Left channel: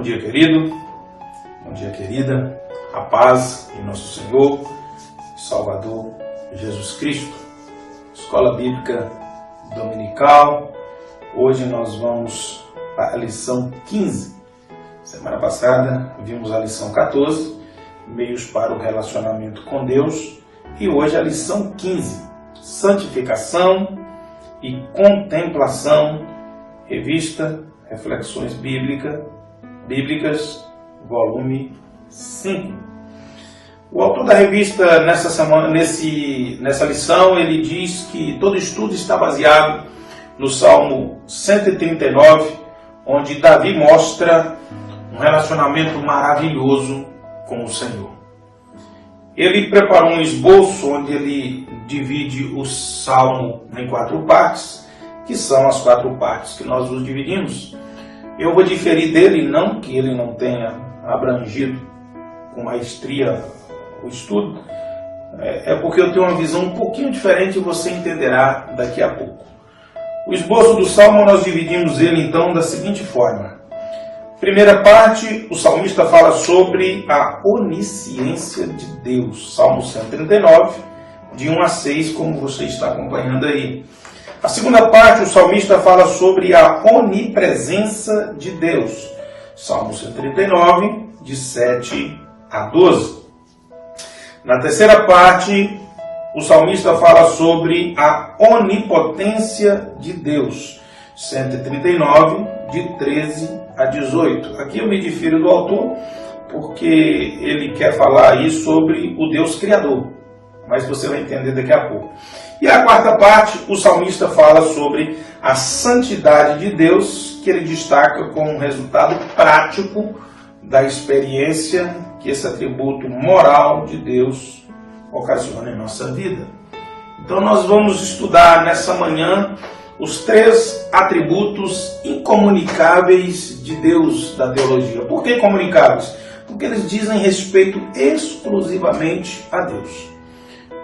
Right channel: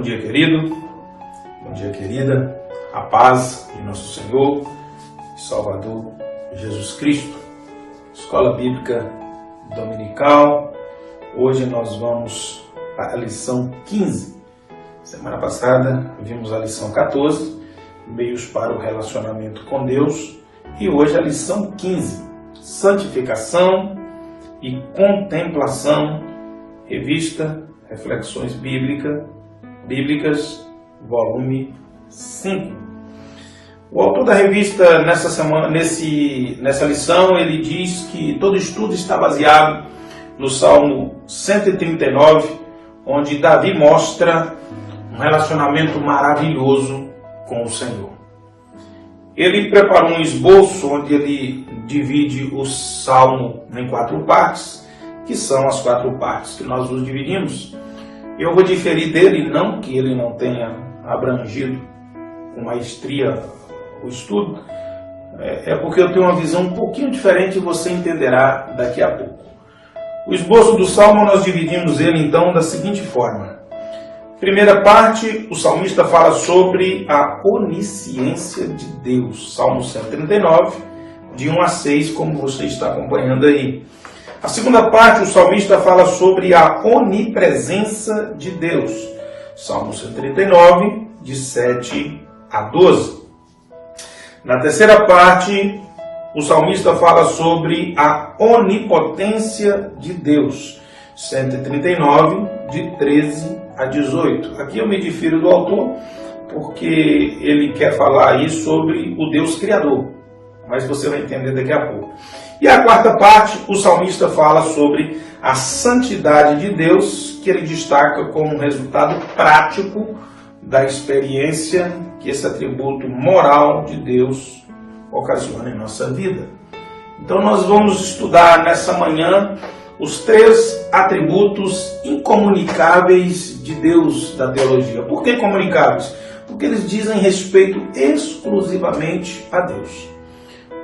Bom dia, querido. Bom dia, querida. A paz de nosso Senhor e Salvador Jesus Cristo. Escola Bíblica Dominical. Hoje nós vamos para a lição 15. Semana passada vimos a lição 14, meios para o relacionamento com Deus. E hoje a lição 15, santificação e contemplação, revista Reflexões Bíblicas, volume 5. O autor da revista, nessa lição, ele diz que todo estudo está baseado no Salmo 139, onde Davi mostra um relacionamento maravilhoso com o Senhor. Ele preparou um esboço onde ele divide o Salmo em 4 partes, que são as 4 partes que nós os dividimos. Eu vou diferir dele, não que ele não tenha abrangido com maestria o estudo, é porque eu tenho uma visão um pouquinho diferente e você entenderá daqui a pouco. O esboço do Salmo, nós dividimos ele então da seguinte forma. Primeira parte, o salmista fala sobre a onisciência de Deus. Salmo 139, de 1 a 6, como você está acompanhando aí. A segunda parte, o salmista fala sobre a onipresença de Deus. Salmo 139, de 7 a 12. Na terceira parte, o salmista fala sobre a onipotência de Deus. 139, de 13 a 18. Aqui eu me difiro do autor, porque ele quer falar aí sobre o Deus Criador. Mas você vai entender daqui a pouco. E a quarta parte, o salmista fala sobre a santidade de Deus, que ele destaca como um resultado prático da experiência que esse atributo moral de Deus ocasiona em nossa vida. Então nós vamos estudar nessa manhã os 3 atributos incomunicáveis de Deus da teologia. Por que incomunicáveis? Porque eles dizem respeito exclusivamente a Deus.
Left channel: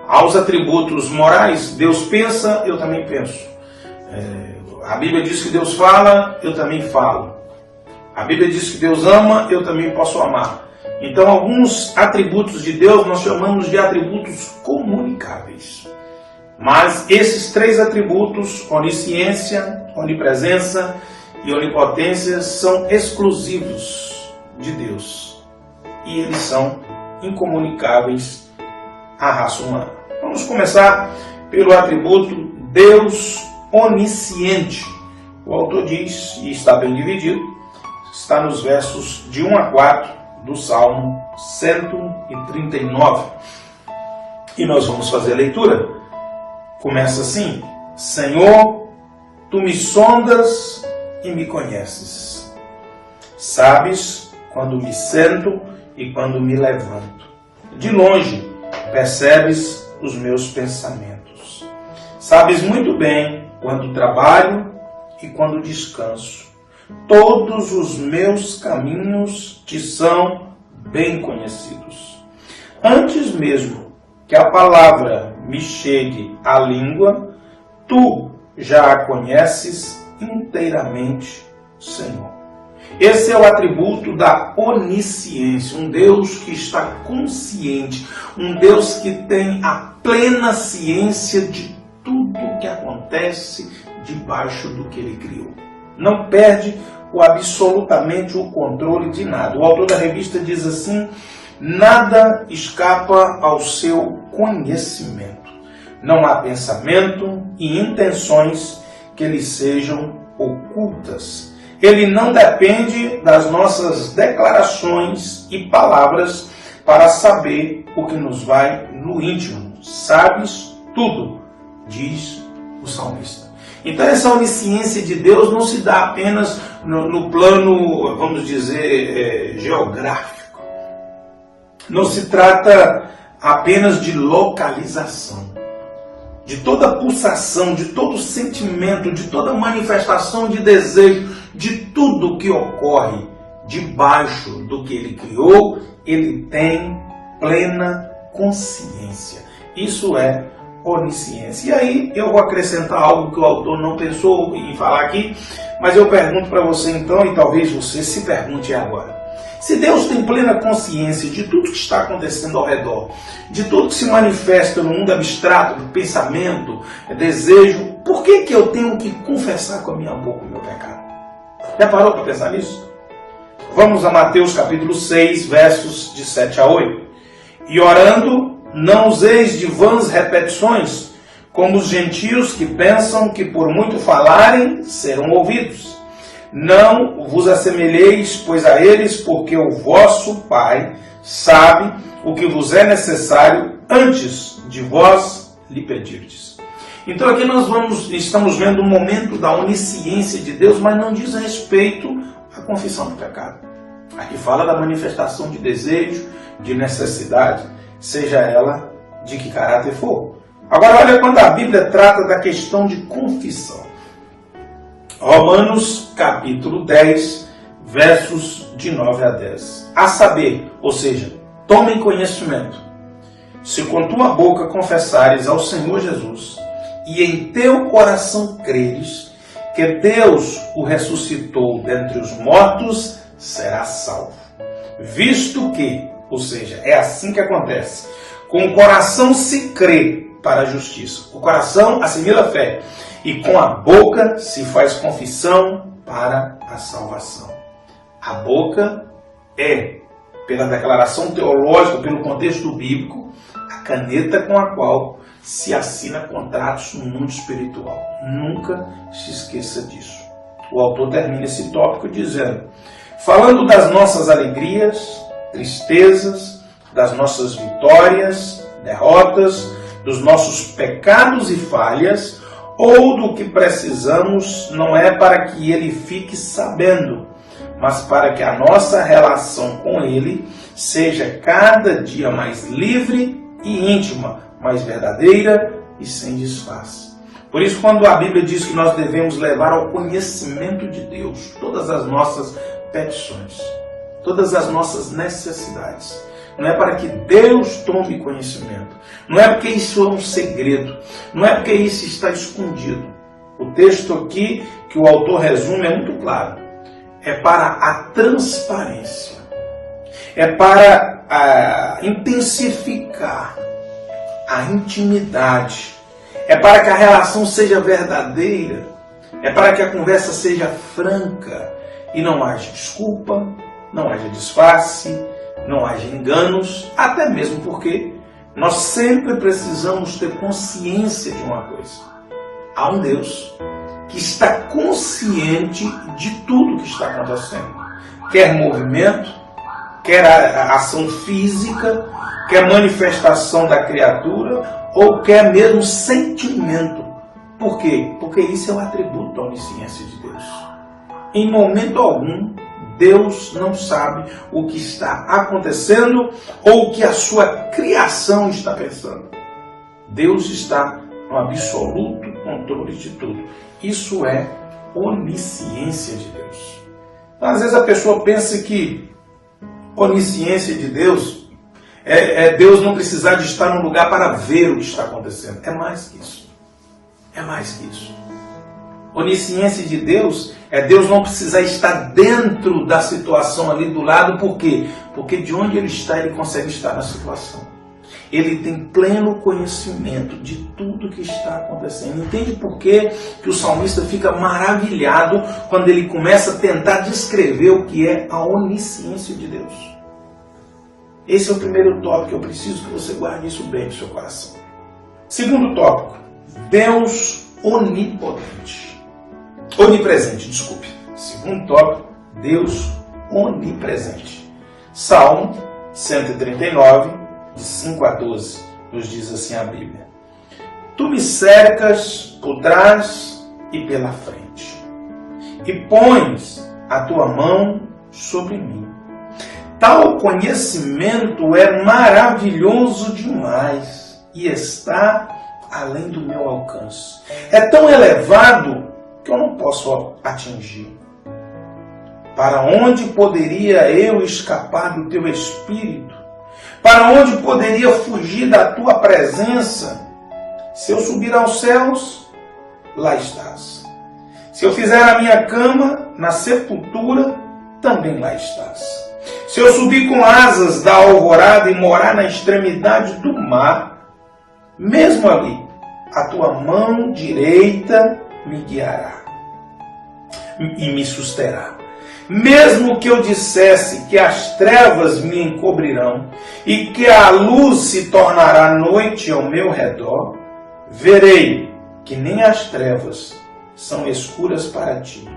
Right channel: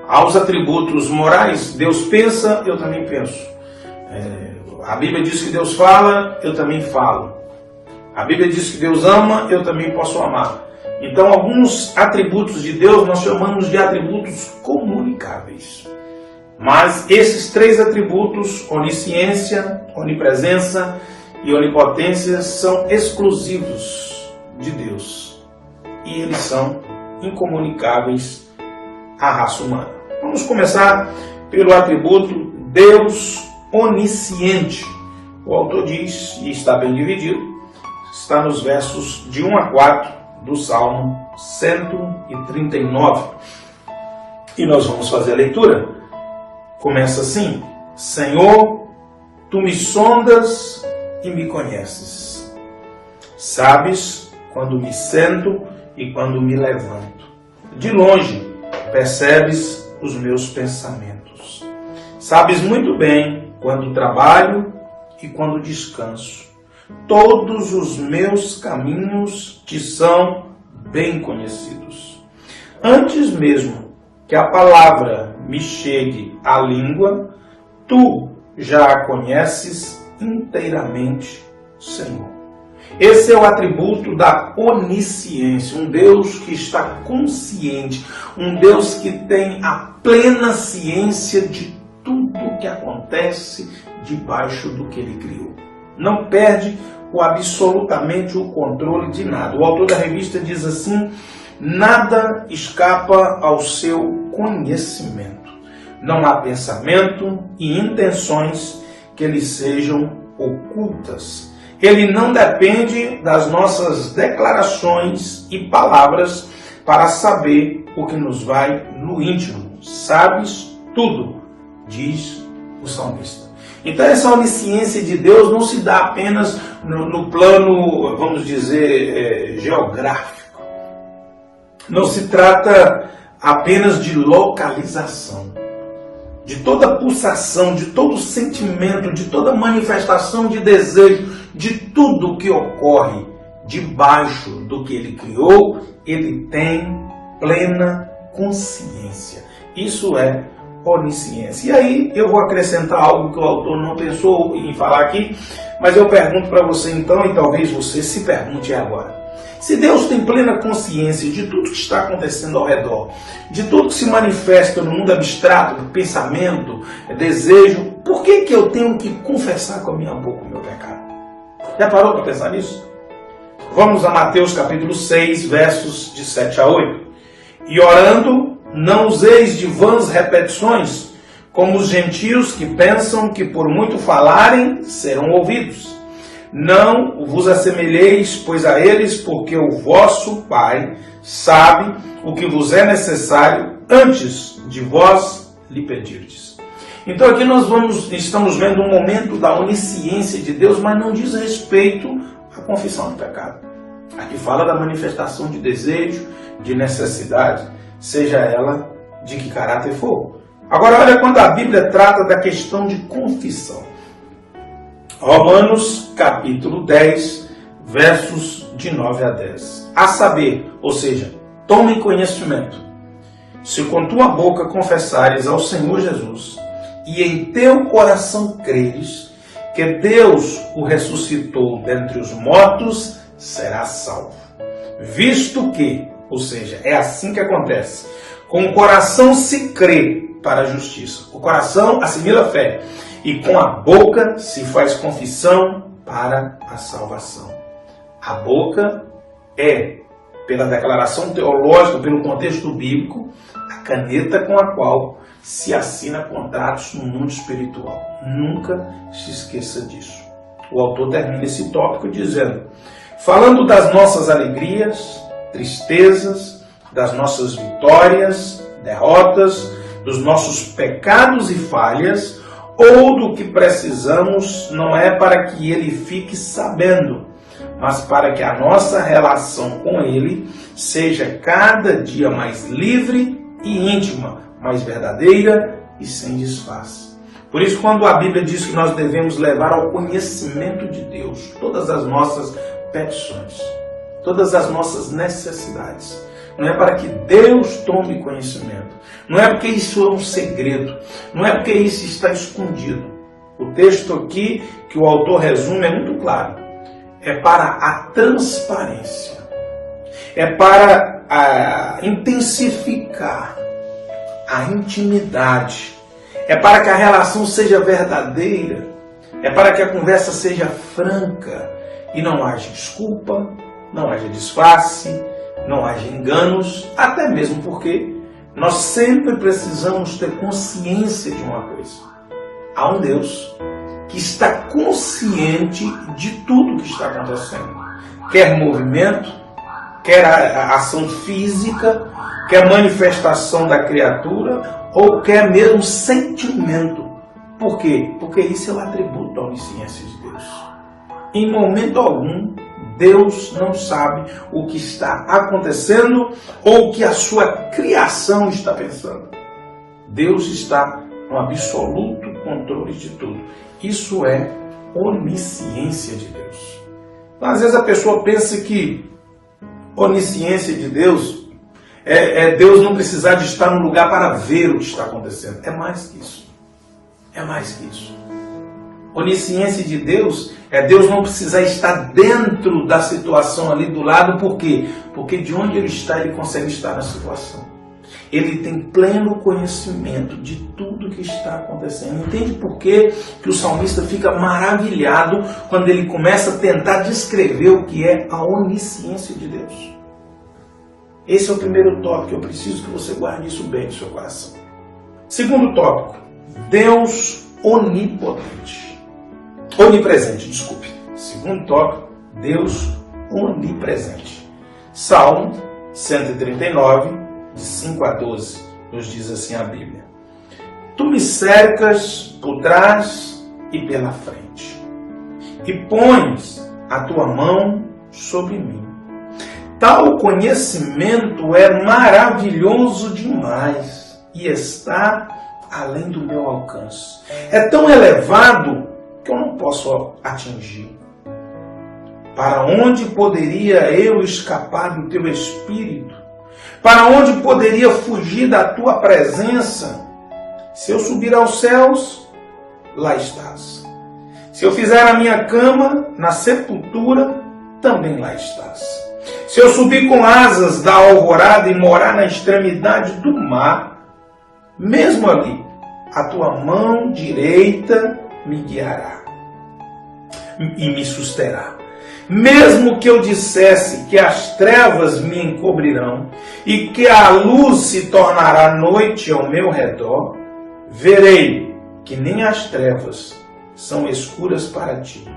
Aos atributos morais, Deus pensa, eu também penso. A Bíblia diz que Deus fala, eu também falo. A Bíblia diz que Deus ama, eu também posso amar. Então, alguns atributos de Deus nós chamamos de atributos comunicáveis. Mas esses 3 atributos, onisciência, onipresença e onipotência, são exclusivos de Deus. E eles são incomunicáveis à raça humana. Vamos começar pelo atributo Deus onisciente. O autor diz, e está bem dividido, está nos versos de 1 a 4 do Salmo 139. E nós vamos fazer a leitura. Começa assim: Senhor, tu me sondas e me conheces. Sabes quando me sento e quando me levanto. De longe percebes os meus pensamentos. Sabes muito bem quando trabalho e quando descanso. Todos os meus caminhos te são bem conhecidos. Antes mesmo que a palavra me chegue à língua, tu já a conheces inteiramente, Senhor. Esse é o atributo da onisciência, um Deus que está consciente, um Deus que tem a plena ciência de tudo que acontece debaixo do que Ele criou. Não perde absolutamente o controle de nada. O autor da revista diz assim: nada escapa ao seu conhecimento. Não há pensamento e intenções que lhe sejam ocultas. Ele não depende das nossas declarações e palavras para saber o que nos vai no íntimo. Sabes tudo, diz o salmista. Então essa onisciência de Deus não se dá apenas no plano, vamos dizer, geográfico. Não se trata apenas de localização. De toda pulsação, de todo sentimento, de toda manifestação de desejo, de tudo que ocorre debaixo do que Ele criou, Ele tem plena consciência. Isso é onisciência. E aí eu vou acrescentar algo que o autor não pensou em falar aqui, mas eu pergunto para você então, e talvez você se pergunte agora. Se Deus tem plena consciência de tudo que está acontecendo ao redor, de tudo que se manifesta no mundo abstrato, do pensamento, desejo, por que eu tenho que confessar com a minha boca o meu pecado? Já parou de pensar nisso? Vamos a Mateus capítulo 6, versos de 7 a 8. E orando, não useis de vãs repetições, como os gentios que pensam que por muito falarem serão ouvidos. Não vos assemelheis, pois, a eles, porque o vosso Pai sabe o que vos é necessário antes de vós lhe pedirdes. Então aqui nós estamos vendo um momento da onisciência de Deus, mas não diz respeito à confissão do pecado. Aqui fala da manifestação de desejo, de necessidade, seja ela de que caráter for. Agora olha quando a Bíblia trata da questão de confissão. Romanos capítulo 10, versos de 9 a 10. A saber, ou seja, tomem conhecimento. Se com tua boca confessares ao Senhor Jesus e em teu coração creres que Deus o ressuscitou dentre os mortos, serás salvo. Visto que, ou seja, é assim que acontece, com o coração se crê para a justiça. O coração assimila a fé. E com a boca se faz confissão para a salvação. A boca é, pela declaração teológica, pelo contexto bíblico, a caneta com a qual se assina contratos no mundo espiritual. Nunca se esqueça disso. O autor termina esse tópico dizendo: falando das nossas alegrias, tristezas, das nossas vitórias, derrotas, dos nossos pecados e falhas, ou do que precisamos, não é para que ele fique sabendo, mas para que a nossa relação com ele seja cada dia mais livre e íntima, mais verdadeira e sem disfarce. Por isso, quando a Bíblia diz que nós devemos levar ao conhecimento de Deus todas as nossas petições, todas as nossas necessidades, não é para que Deus tome conhecimento, não é porque isso é um segredo, não é porque isso está escondido. O texto aqui que o autor resume é muito claro. É para a transparência, é para intensificar a intimidade, é para que a relação seja verdadeira, é para que a conversa seja franca e não haja desculpa, não haja disfarce, não haja enganos, até mesmo porque nós sempre precisamos ter consciência de uma coisa. Há um Deus que está consciente de tudo que está acontecendo. Quer movimento, quer a ação física, quer manifestação da criatura, ou quer mesmo sentimento. Por quê? Porque isso é o atributo da onisciência de Deus. Em momento algum, Deus não sabe o que está acontecendo ou o que a sua criação está pensando. Deus está no absoluto controle de tudo. Isso é onisciência de Deus. Então, às vezes a pessoa pensa que onisciência de Deus é Deus não precisar de estar no lugar para ver o que está acontecendo. É mais que isso. É mais que isso. Onisciência de Deus é Deus não precisar estar dentro da situação ali do lado. Por quê? Porque de onde Ele está, Ele consegue estar na situação. Ele tem pleno conhecimento de tudo que está acontecendo. Entende por que o salmista fica maravilhado quando ele começa a tentar descrever o que é a onisciência de Deus? Esse é o primeiro tópico. Eu preciso que você guarde isso bem no seu coração. Segundo tópico, Deus onipotente. Onipresente, desculpe. Segundo tópico, Deus onipresente. Salmo 139, de 5 a 12, nos diz assim a Bíblia: Tu me cercas por trás e pela frente, e pões a tua mão sobre mim. Tal conhecimento é maravilhoso demais e está além do meu alcance. É tão elevado que eu não posso atingir. Para onde poderia eu escapar do teu espírito? Para onde poderia fugir da tua presença? Se eu subir aos céus, lá estás. Se eu fizer a minha cama na sepultura, também lá estás. Se eu subir com asas da alvorada e morar na extremidade do mar, mesmo ali, a tua mão direita me guiará e me susterá. Mesmo que eu dissesse que as trevas me encobrirão e que a luz se tornará noite ao meu redor, verei que nem as trevas são escuras para ti.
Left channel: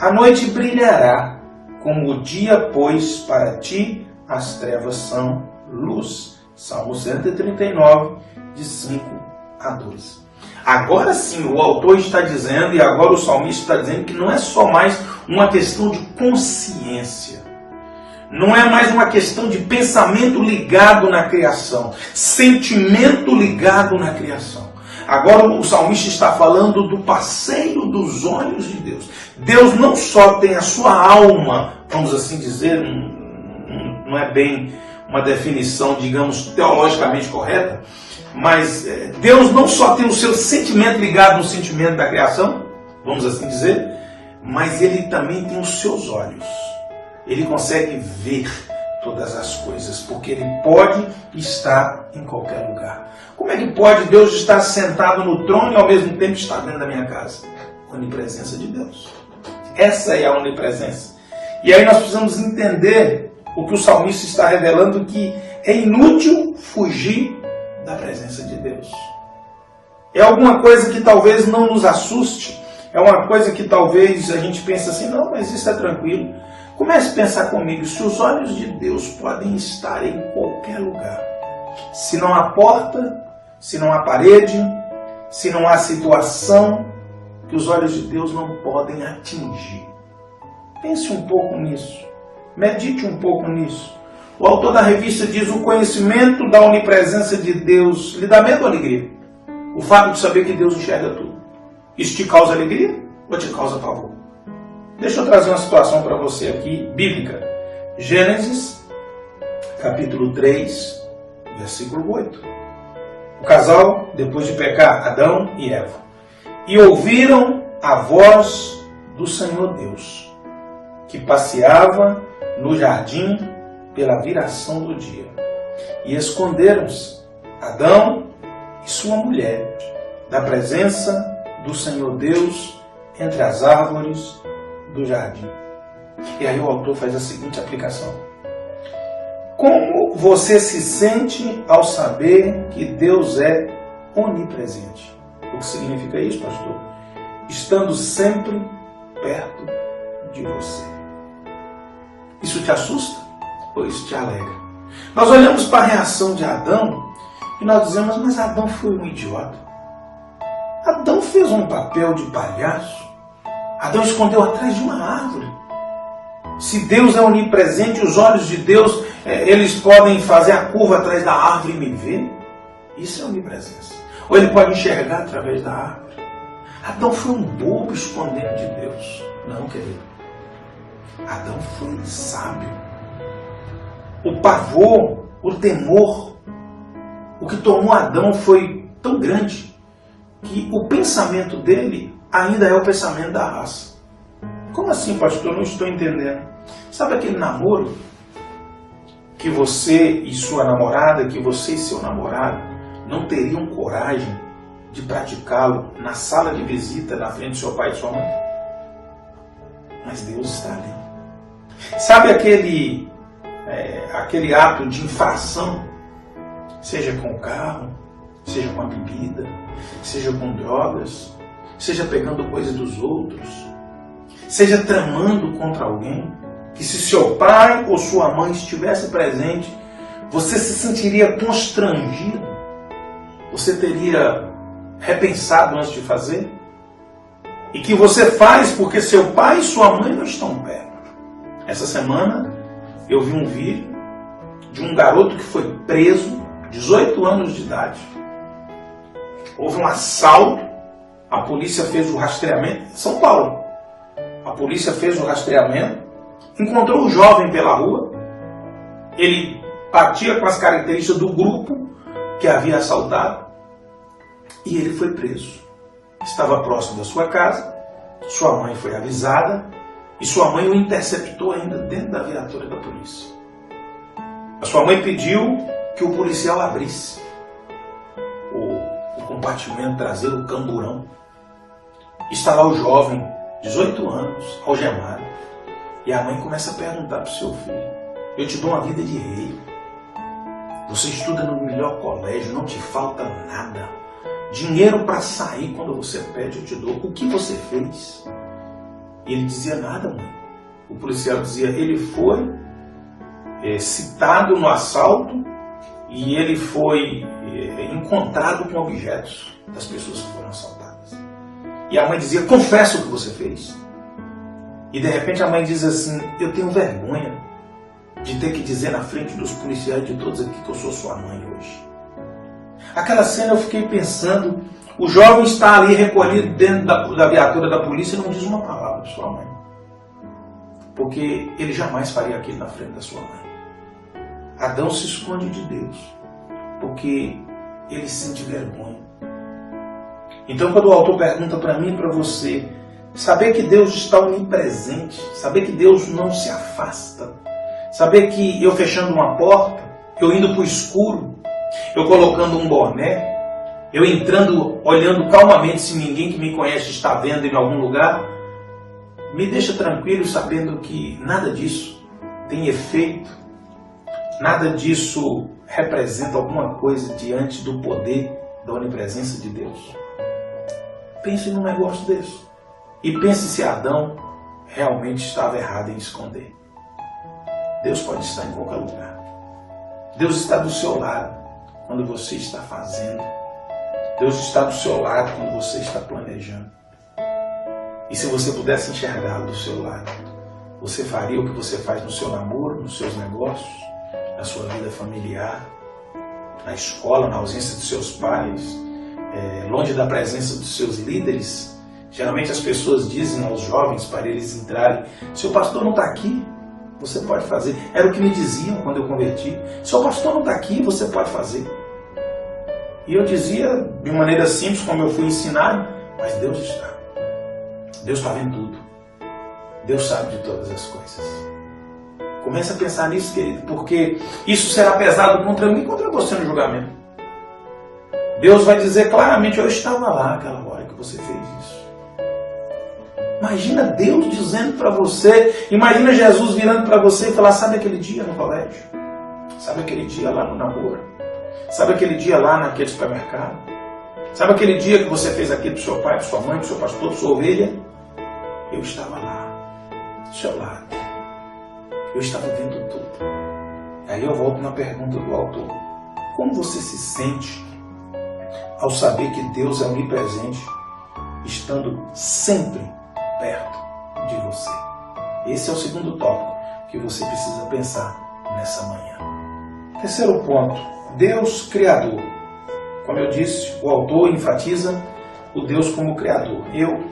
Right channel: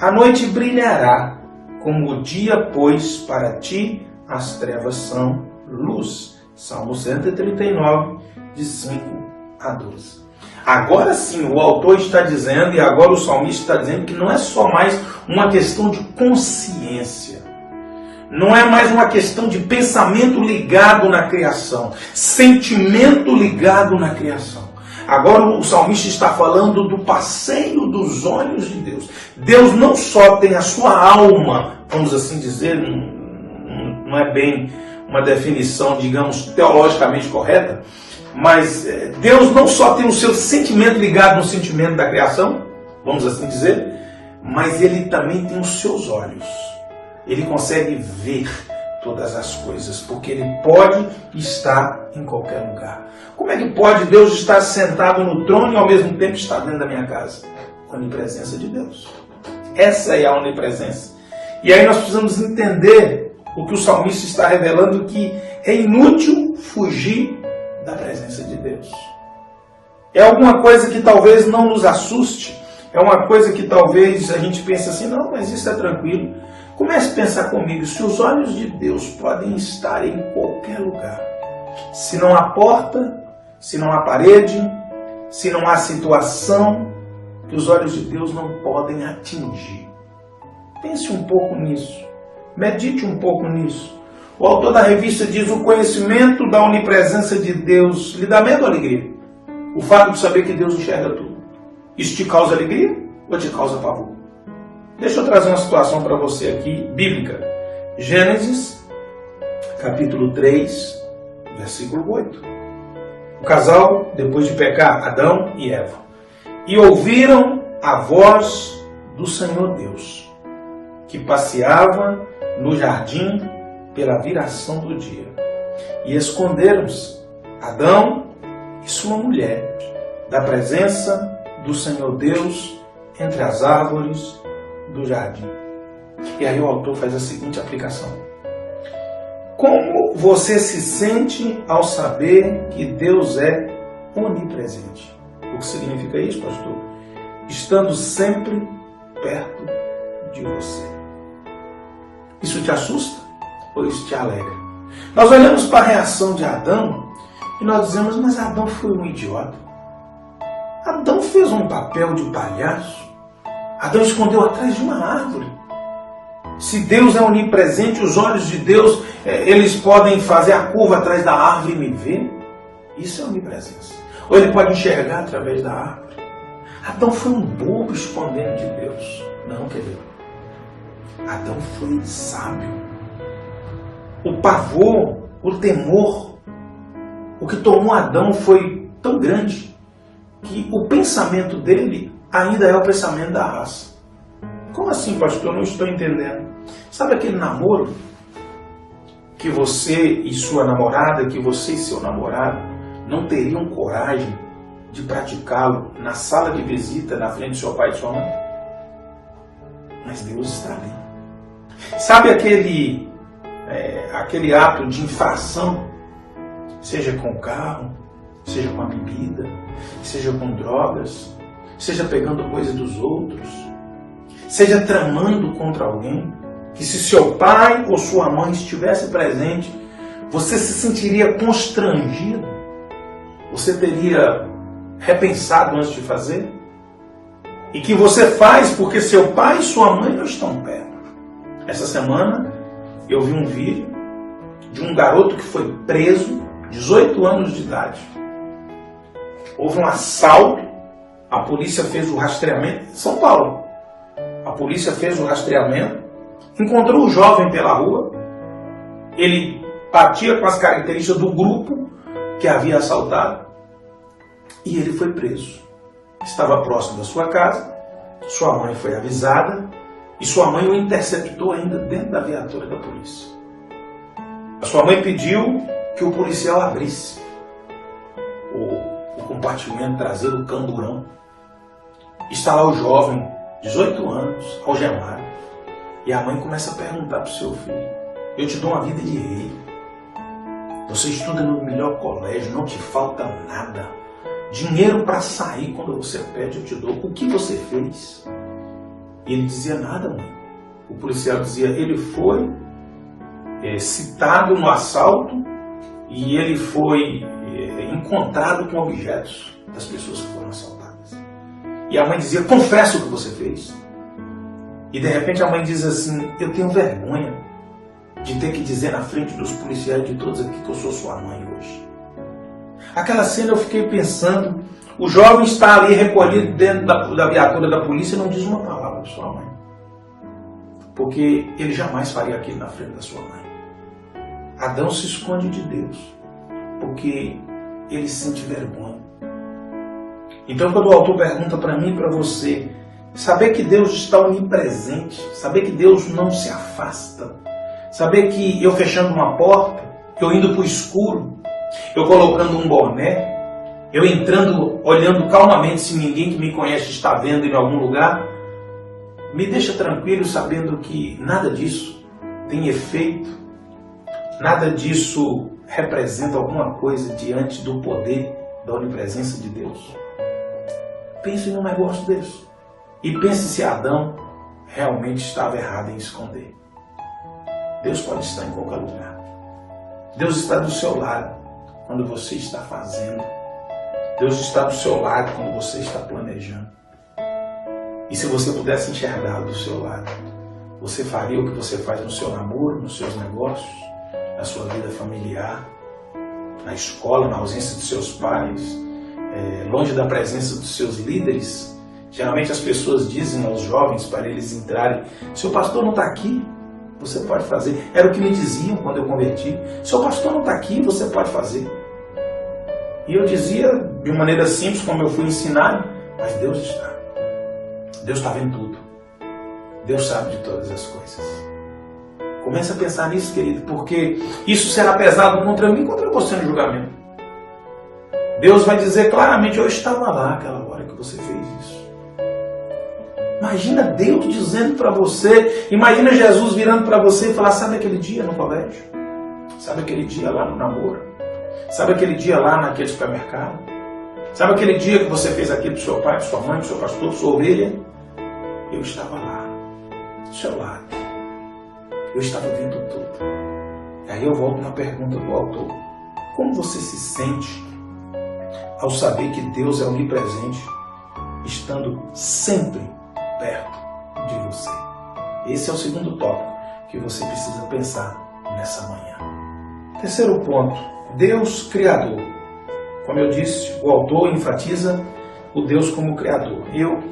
A noite brilhará como o dia, pois para ti as trevas são luz. Salmo 139, de 5 a 12. Agora sim, o autor está dizendo, e agora o salmista está dizendo, que não é só mais uma questão de consciência. Não é mais uma questão de pensamento ligado na criação, sentimento ligado na criação. Agora o salmista está falando do passeio dos olhos de Deus. Deus não só tem a sua alma, vamos assim dizer, não é bem uma definição, digamos, teologicamente correta, mas Deus não só tem o seu sentimento ligado no sentimento da criação, vamos assim dizer, mas Ele também tem os seus olhos. Ele consegue ver todas as coisas, porque Ele pode estar em qualquer lugar. Como é que pode Deus estar sentado no trono e ao mesmo tempo estar dentro da minha casa? Onipresença de Deus. Essa é a onipresença. E aí nós precisamos entender o que o salmista está revelando, que é inútil fugir da presença de Deus. É alguma coisa que talvez não nos assuste, é uma coisa que talvez a gente pense assim, não, mas isso é tranquilo. Comece a pensar comigo, se os olhos de Deus podem estar em qualquer lugar, se não há porta, se não há parede, se não há situação que os olhos de Deus não podem atingir. Pense um pouco nisso, medite um pouco nisso. O autor da revista diz: o conhecimento da onipresença de Deus lhe dá medo ou alegria? O fato de saber que Deus enxerga tudo. Isso te causa alegria ou te causa pavor? Deixa eu trazer uma situação para você aqui, bíblica. Gênesis, capítulo 3, versículo 8. O casal, depois de pecar, Adão e Eva, e ouviram a voz do Senhor Deus, que passeava no jardim pela viração do dia. E esconderam-se, Adão e sua mulher, da presença do Senhor Deus entre as árvores do jardim. E aí o autor faz a seguinte aplicação: como você se sente ao saber que Deus é onipresente? O que significa isso, pastor? Estando sempre perto de você. Isso te assusta ou isso te alegra? Nós olhamos para a reação de Adão e nós dizemos, mas Adão foi um idiota. Adão fez um papel de palhaço. Adão escondeu atrás de uma árvore. Se Deus é onipresente, os olhos de Deus, eles podem fazer a curva atrás da árvore e me ver. Isso é onipresença. Ou ele pode enxergar através da árvore. Adão foi um bobo escondendo de Deus. Não, querido. Adão foi sábio. O pavor, o temor, o que tomou Adão foi tão grande que o pensamento dele ainda é o pensamento da raça. Como assim, pastor? Eu não estou entendendo. Sabe aquele namoro que você e sua namorada, que você e seu namorado não teriam coragem de praticá-lo na sala de visita, na frente do seu pai e de sua mãe? Mas Deus está ali. Sabe aquele ato de infração, seja com o carro, seja com a bebida, seja com drogas, seja pegando coisa dos outros, seja tramando contra alguém, que se seu pai ou sua mãe estivesse presente, você se sentiria constrangido, você teria repensado antes de fazer, e que você faz porque seu pai e sua mãe não estão perto. Essa semana eu vi um vídeo de um garoto que foi preso, 18 anos de idade. Houve um assalto, a polícia fez o rastreamento em São Paulo. A polícia fez o rastreamento, encontrou o jovem pela rua, ele batia com as características do grupo que havia assaltado, e ele foi preso. Estava próximo da sua casa, sua mãe foi avisada e sua mãe o interceptou ainda dentro da viatura da polícia. A sua mãe pediu que o policial abrisse o compartimento traseiro, o camburão. Está lá o jovem, 18 anos, algemado. E a mãe começa a perguntar para o seu filho: eu te dou uma vida de rei. Você estuda no melhor colégio, não te falta nada. Dinheiro para sair quando você pede, eu te dou. O que você fez? E ele dizia: nada, mãe. O policial dizia: ele foi citado no assalto e ele foi encontrado com objetos das pessoas que foram assaltadas. E a mãe dizia: confessa o que você fez. E de repente a mãe diz assim: eu tenho vergonha de ter que dizer na frente dos policiais de todos aqui que eu sou sua mãe hoje. Aquela cena eu fiquei pensando, o jovem está ali recolhido dentro da viatura da polícia e não diz uma palavra de sua mãe. Porque ele jamais faria aquilo na frente da sua mãe. Adão se esconde de Deus, porque ele sente vergonha. Então quando o autor pergunta para mim e para você, saber que Deus está onipresente, saber que Deus não se afasta, saber que eu fechando uma porta, eu indo para o escuro, eu colocando um boné, eu entrando, olhando calmamente se ninguém que me conhece está vendo em algum lugar, me deixa tranquilo sabendo que nada disso tem efeito, nada disso representa alguma coisa diante do poder da onipresença de Deus. Pense num negócio desse. E pense se Adão realmente estava errado em esconder. Deus pode estar em qualquer lugar. Deus está do seu lado quando você está fazendo. Deus está do seu lado quando você está planejando. E se você pudesse enxergá-lo do seu lado, você faria o que você faz no seu namoro, nos seus negócios, na sua vida familiar, na escola, na ausência dos seus pais, longe da presença dos seus líderes. Geralmente as pessoas dizem aos jovens para eles entrarem: seu pastor não está aqui, você pode fazer. Era o que me diziam quando eu converti: seu pastor não está aqui, você pode fazer. E eu dizia de maneira simples, como eu fui ensinado: mas Deus está. Deus está vendo tudo. Deus sabe de todas as coisas. Comece a pensar nisso, querido, porque isso será pesado contra mim e contra você no julgamento. Deus vai dizer claramente: eu estava lá aquela hora que você fez isso. Imagina Deus dizendo para você, imagina Jesus virando para você e falar: sabe aquele dia no colégio? Sabe aquele dia lá no namoro? Sabe aquele dia lá naquele supermercado? Sabe aquele dia que você fez aquilo para o seu pai, para sua mãe, para o seu pastor, para sua ovelha? Eu estava lá, do seu lado. Eu estava vendo tudo. Aí eu volto na pergunta do autor: como você se sente ao saber que Deus é onipresente, estando sempre perto de você? Esse é o segundo tópico que você precisa pensar nessa manhã. Terceiro ponto: Deus Criador. Como eu disse, o autor enfatiza o Deus como Criador. Eu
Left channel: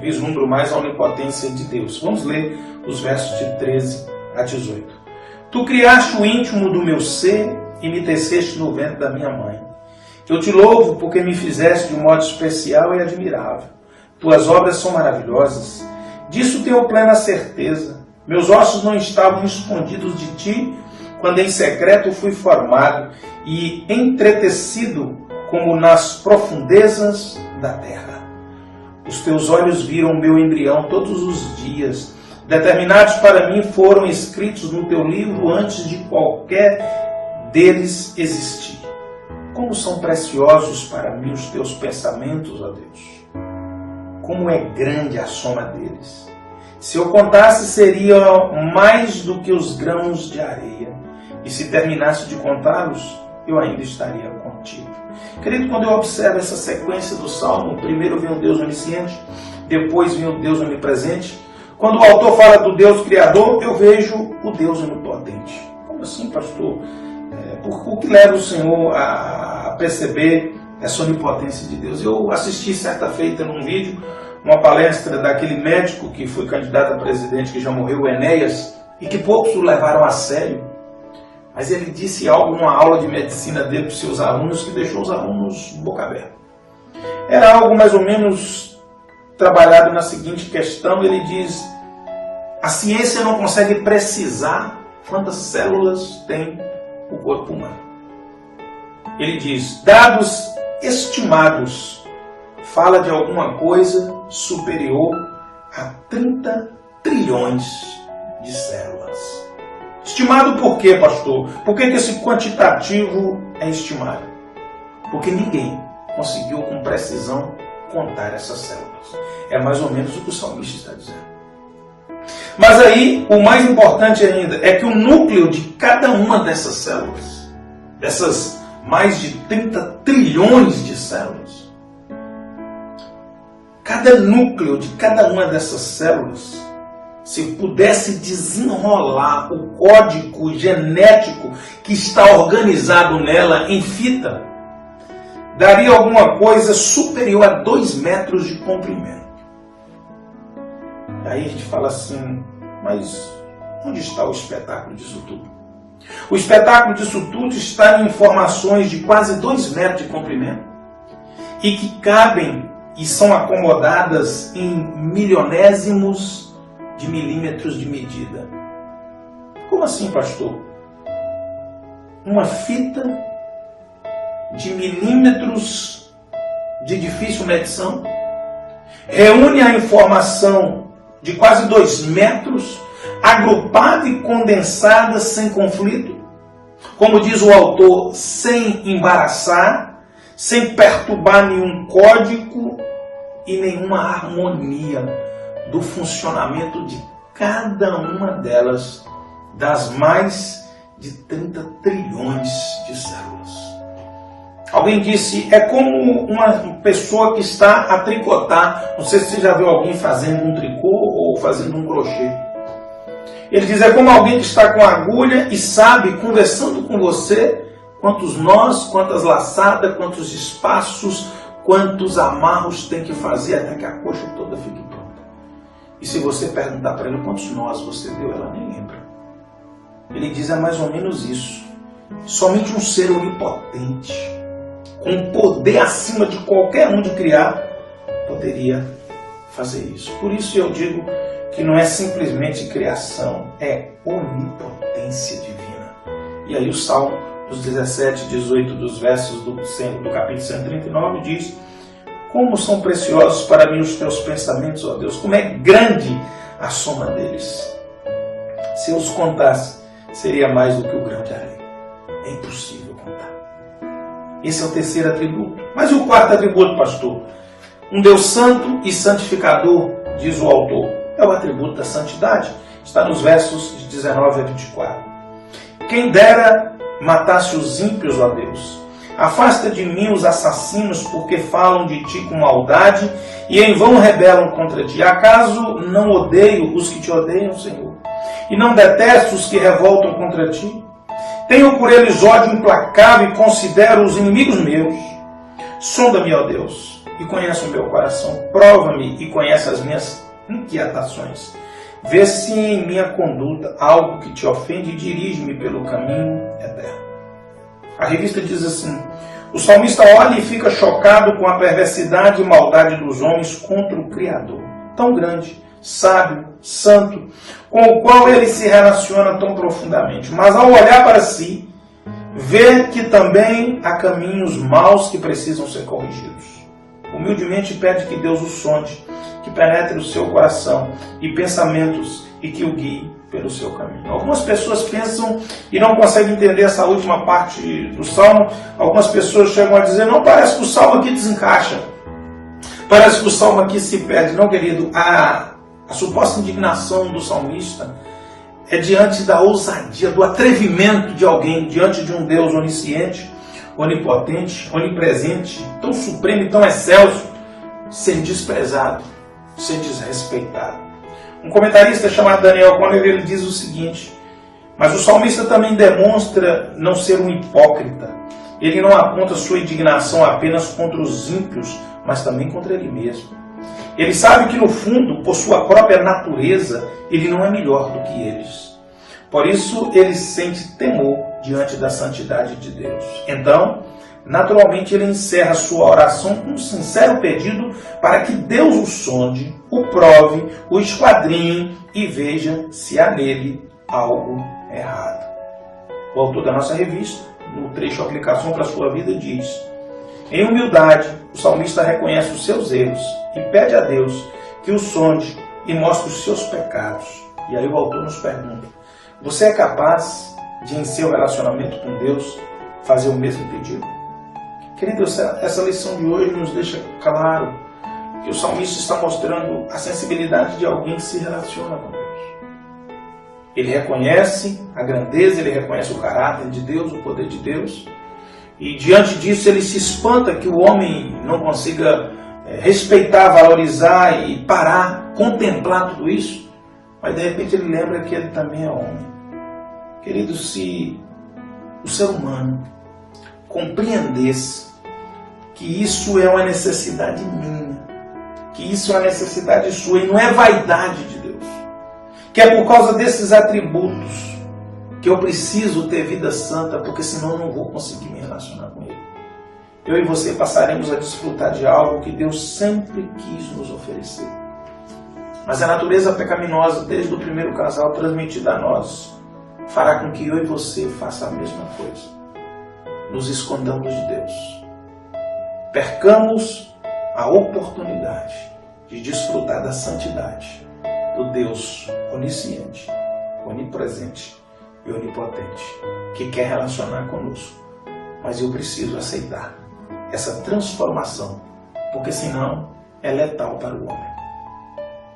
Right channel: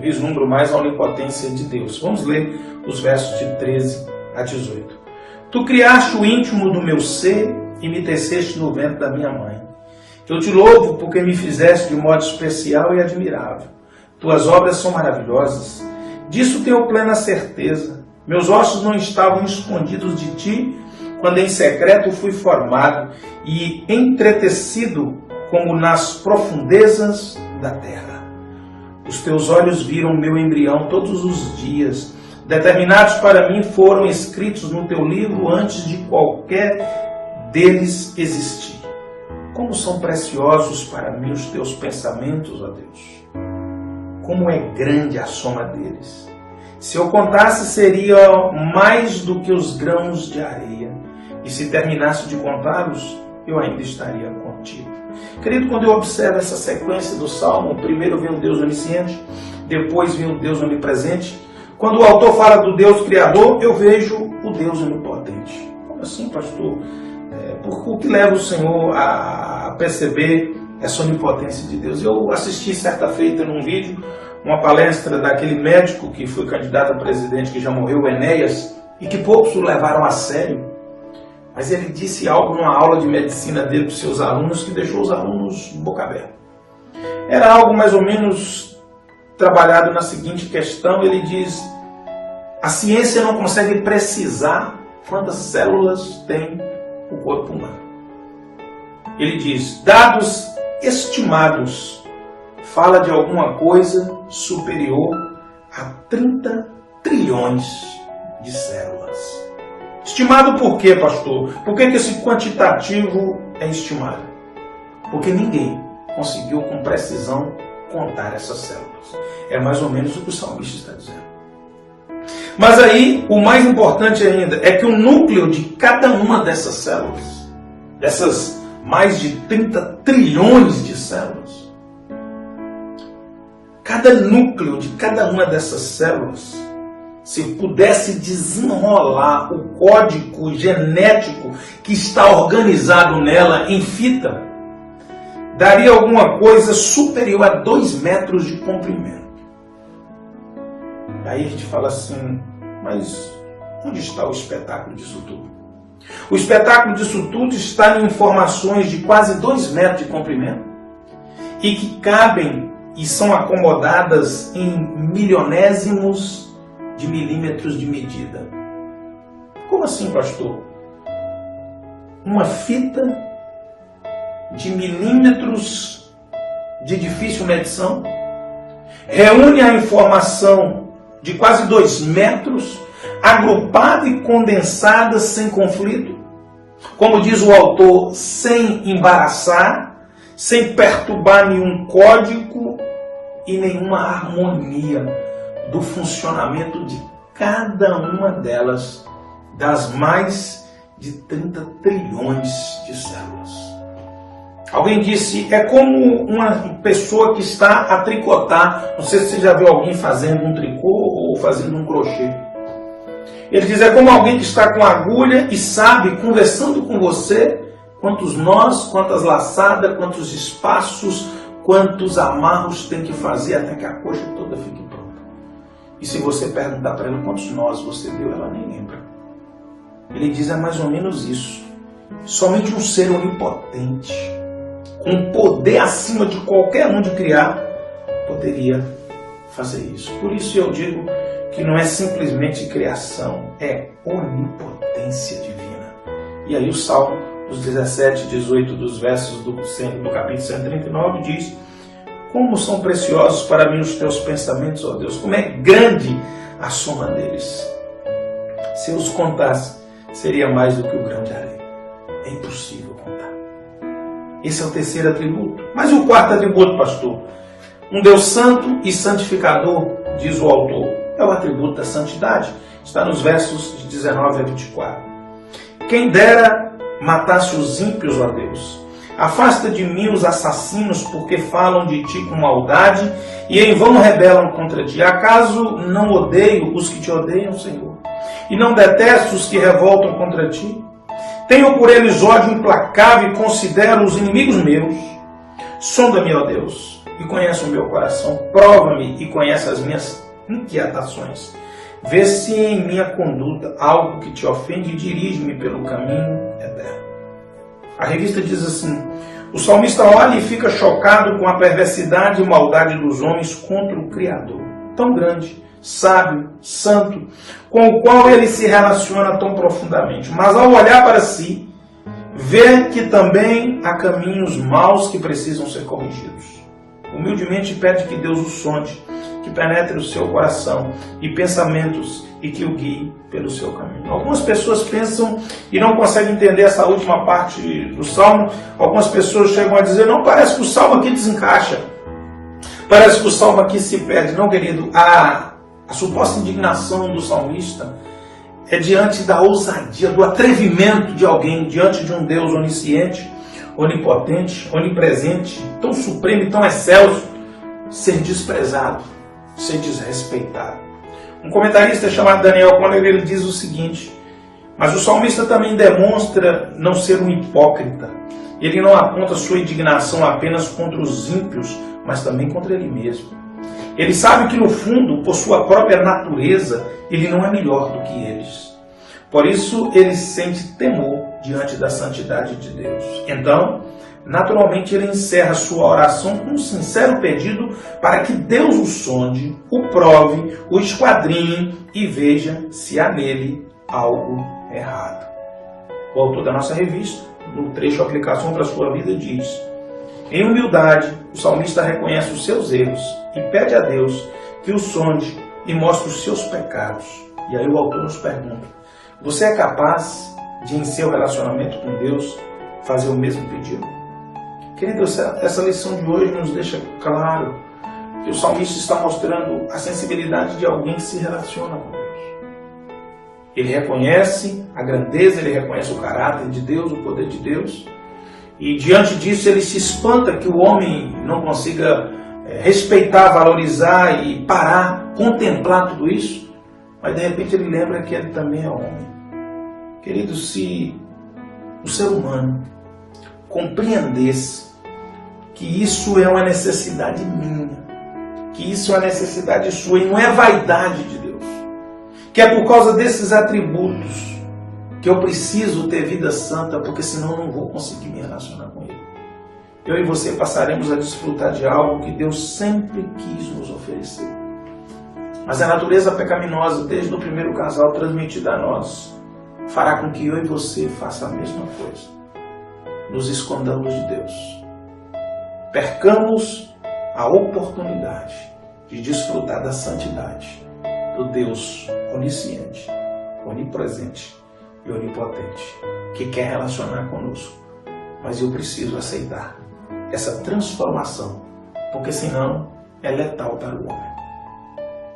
vislumbro mais a onipotência de Deus. Vamos ler os versos de 13 a 18. Tu criaste o íntimo do meu ser e me teceste no ventre da minha mãe. Eu te louvo porque me fizeste de um modo especial e admirável. Tuas obras são maravilhosas. Disso tenho plena certeza. Meus ossos não estavam escondidos de ti, quando em secreto fui formado e entretecido como nas profundezas da terra. Os teus olhos viram meu embrião todos os dias. Determinados para mim foram escritos no teu livro antes de qualquer deles existir. Como são preciosos para mim os teus pensamentos, ó Deus. Como é grande a soma deles. Se eu contasse, seria mais do que os grãos de areia. E se terminasse de contá-los, eu ainda estaria contigo. Querido, quando eu observo essa sequência do Salmo, primeiro vem o Deus onisciente, depois vem o Deus onipresente. Quando o autor fala do Deus Criador, eu vejo o Deus onipotente. Como assim, pastor? O que leva o Senhor a perceber essa onipotência de Deus? Eu assisti certa feita num vídeo, uma palestra daquele médico que foi candidato a presidente, que já morreu, o Enéas, e que poucos o levaram a sério. Mas ele disse algo numa aula de medicina dele para os seus alunos que deixou os alunos boca aberta. era algo mais ou menos trabalhado na seguinte questão. Ele diz: a ciência não consegue precisar quantas células tem o corpo humano. Ele diz: dados estimados, fala de alguma coisa superior a 30 trilhões de células. Estimado por quê, pastor? Por que esse quantitativo é estimado? Porque ninguém conseguiu com precisão contar essas células. É mais ou menos o que o salmista está dizendo. Mas aí, o mais importante ainda, é que o núcleo de cada uma dessas células, dessas mais de 30 trilhões de células, cada núcleo de cada uma dessas células, se pudesse desenrolar o código genético que está organizado nela em fita, daria alguma coisa superior a 2 metros de comprimento. Aí a gente fala assim: mas onde está o espetáculo disso tudo? O espetáculo disso tudo está em informações de quase 2 metros de comprimento e que cabem e são acomodadas em milionésimos de milímetros de medida. Como assim, pastor? Uma fita de milímetros de difícil medição reúne a informação de quase 2 metros, agrupada e condensada sem conflito, como diz o autor, sem embaraçar, sem perturbar nenhum código e nenhuma harmonia do funcionamento de cada uma delas, das mais de 30 trilhões de células. Alguém disse: é como uma pessoa que está a tricotar. Não sei se você já viu alguém fazendo um tricô ou fazendo um crochê. Ele diz: é como alguém que está com agulha e sabe, conversando com você, quantos nós, quantas laçadas, quantos espaços, quantos amarros tem que fazer até que a coxa toda fique pronta. E se você perguntar para ela quantos nós você deu, ela nem lembra. Ele diz: é mais ou menos isso. Somente um ser onipotente, com poder acima de qualquer um de criar, poderia fazer isso. Por isso eu digo que não é simplesmente criação, é onipotência divina. E aí o Salmo, os 17, 18 dos versos do capítulo 139 diz: como são preciosos para mim os teus pensamentos, ó Deus, como é grande a soma deles. Se eu os contasse, seria mais do que o grão de areia. É impossível contar. Esse é o terceiro atributo. Mas o quarto atributo, pastor? Um Deus santo e santificador, diz o autor. É o atributo da santidade. Está nos versos de 19 a 24. Quem dera matasse os ímpios, ó Deus. Afasta de mim os assassinos, porque falam de ti com maldade e em vão rebelam contra ti. Acaso não odeio os que te odeiam, Senhor? E não detesto os que revoltam contra ti? Tenho por eles ódio implacável e considero os inimigos meus. Sonda-me, ó Deus, e conhece o meu coração. Prova-me e conhece as minhas inquietações. Vê se em minha conduta algo que te ofende e dirige-me pelo caminho eterno. A revista diz assim: o salmista olha e fica chocado com a perversidade e maldade dos homens contra o Criador, tão grande, sábio, santo, com o qual ele se relaciona tão profundamente. Mas ao olhar para si, vê que também há caminhos maus que precisam ser corrigidos. Humildemente pede que Deus o sonde, que penetre o seu coração e pensamentos e que o guie pelo seu caminho. Algumas pessoas pensam e não conseguem entender essa última parte do Salmo. Algumas pessoas chegam a dizer: não, parece que o Salmo aqui desencaixa. Parece que o Salmo aqui se perde. Não, querido, a suposta indignação do salmista é diante da ousadia, do atrevimento de alguém, diante de um Deus onisciente, onipotente, onipresente, tão supremo e tão excelso, ser desprezado, ser desrespeitado. Um comentarista chamado Daniel Conner, ele diz o seguinte: mas o salmista também demonstra não ser um hipócrita. Ele não aponta sua indignação apenas contra os ímpios, mas também contra ele mesmo. Ele sabe que no fundo, por sua própria natureza, ele não é melhor do que eles. Por isso ele sente temor diante da santidade de Deus. Então, naturalmente ele encerra sua oração com um sincero pedido para que Deus o sonde, o prove, o esquadrinhe e veja se há nele algo errado. O autor da nossa revista, no trecho Aplicação para a Sua Vida, diz: em humildade, o salmista reconhece os seus erros e pede a Deus que o sonde e mostre os seus pecados. E aí o autor nos pergunta: você é capaz de, em seu relacionamento com Deus, fazer o mesmo pedido? Querido, essa lição de hoje nos deixa claro que o salmista está mostrando a sensibilidade de alguém que se relaciona com Deus. Ele reconhece a grandeza, ele reconhece o caráter de Deus, o poder de Deus, e diante disso ele se espanta que o homem não consiga respeitar, valorizar e parar, contemplar tudo isso, mas de repente ele lembra que ele também é homem. Querido, se o ser humano compreendesse que isso é uma necessidade minha, que isso é uma necessidade sua e não é vaidade de Deus, que é por causa desses atributos que eu preciso ter vida santa, porque senão eu não vou conseguir me relacionar com Ele. Eu e você passaremos a desfrutar de algo que Deus sempre quis nos oferecer. Mas a natureza pecaminosa, desde o primeiro casal transmitida a nós, fará com que eu e você faça a mesma coisa. Nos escondamos de Deus. Percamos a oportunidade de desfrutar da santidade do Deus onisciente, onipresente e onipotente, que quer relacionar conosco. Mas eu preciso aceitar essa transformação, porque senão é letal para o homem.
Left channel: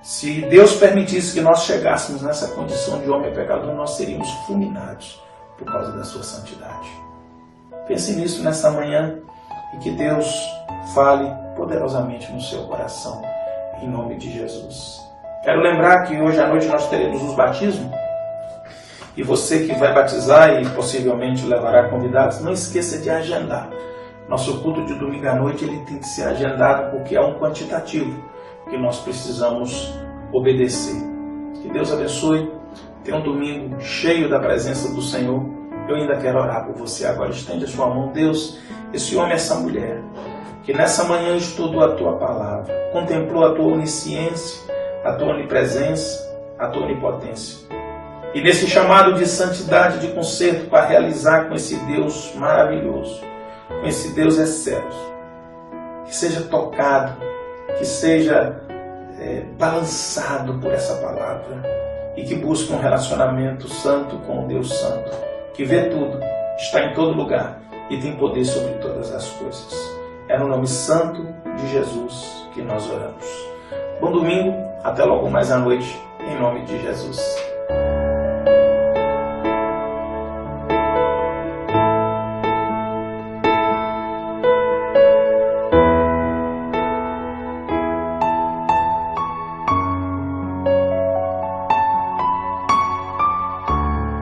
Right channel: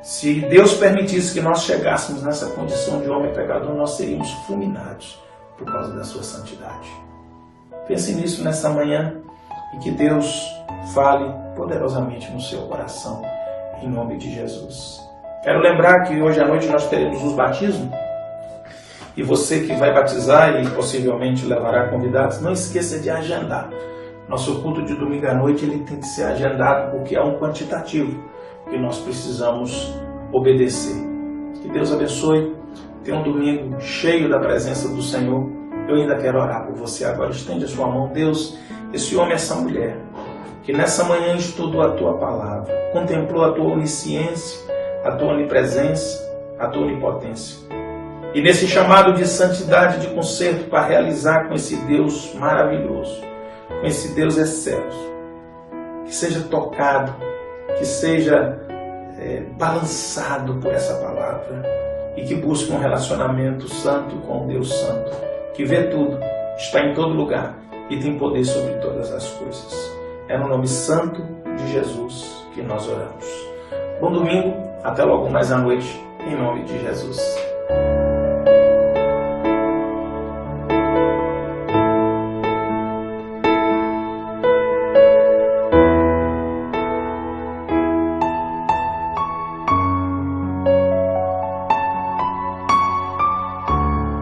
Se Deus permitisse que nós chegássemos nessa condição de homem pecador, nós seríamos fulminados por causa da sua santidade. Pense nisso nessa manhã e que Deus fale poderosamente no seu coração, em nome de Jesus. Quero lembrar que hoje à noite nós teremos os batismos, e você que vai batizar e possivelmente levará convidados, não esqueça de agendar. Nosso culto de domingo à noite ele tem que ser agendado porque é um quantitativo que nós precisamos obedecer. Que Deus abençoe. Tenha um domingo cheio da presença do Senhor. Eu ainda quero orar por você agora. Estende a sua mão. Deus, esse homem, essa mulher, que nessa manhã estudou a Tua palavra, contemplou a Tua onisciência, a Tua onipresença, a Tua onipotência. E nesse chamado de santidade, de conserto para realizar com esse Deus maravilhoso, com esse Deus excelso, que seja tocado, que seja balançado por essa palavra e que busque um relacionamento santo com Deus santo, que vê tudo, está em todo lugar e tem poder sobre todas as coisas. É no nome santo de Jesus que nós oramos. Bom domingo, até logo mais à noite, em nome de Jesus.